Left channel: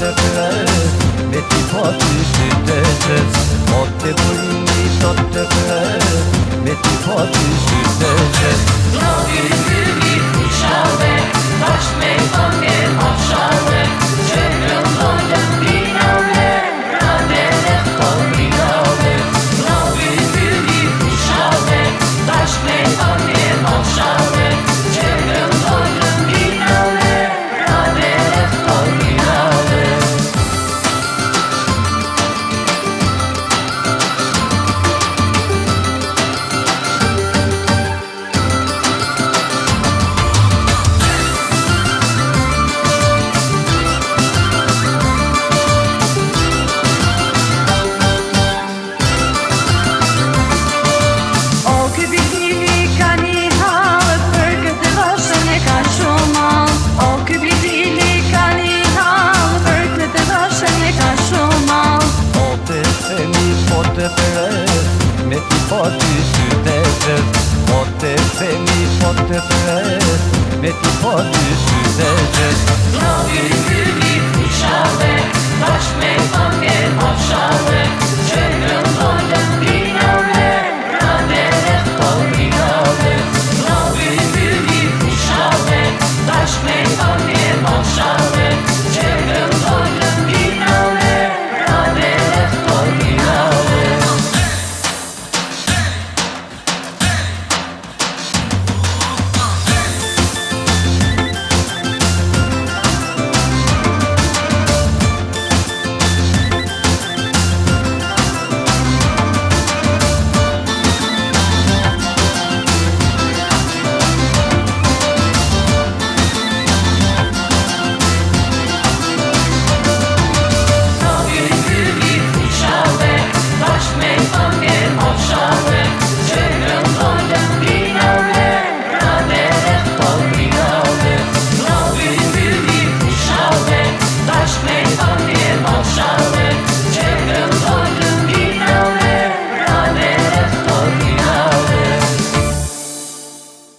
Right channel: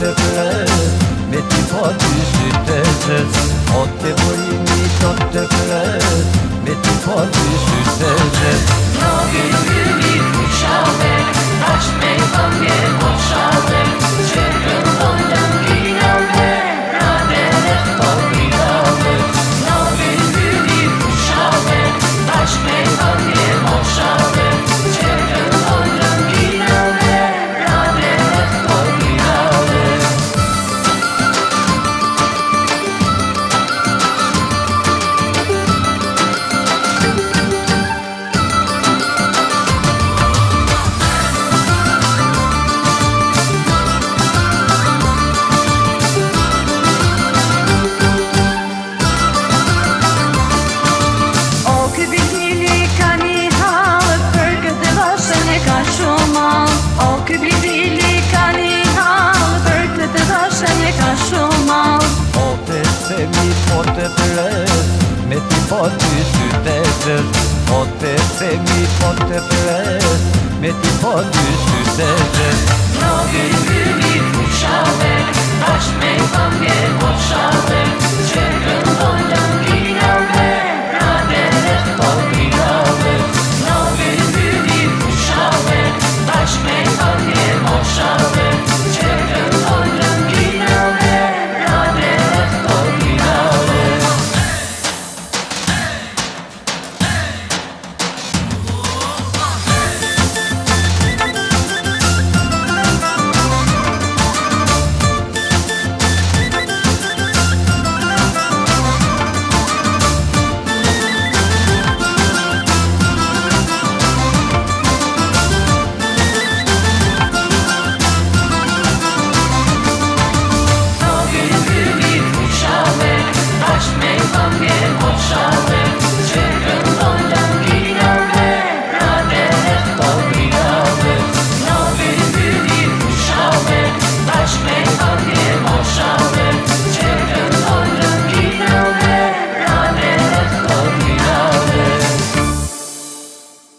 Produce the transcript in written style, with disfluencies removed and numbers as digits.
të pres, me ti po ty sytë e zez. O të burimi do të pres, me ti po ty sytë e zez. No vymi fushave, tash me këmbje moshave, që këndonjën binave, radere kodrinave. No vymi fushave, tash me këmbje moshave, që këndonjën binave, radere kodrinave. Ky bildili ka një halë, për këtë vashën e ka shumë malë. O, ky bildili ka një halë, për këtë vashën e ka shumë malë. O të themi po të pres, me ti po ty sytë e zez. O të themi po të pres, me ti po ty sytë e zez. No vymi fushave, tash me këmbje moshave, që këndonjën binave, radere kodrinave. No vymi fushave, tash me këmbje moshave,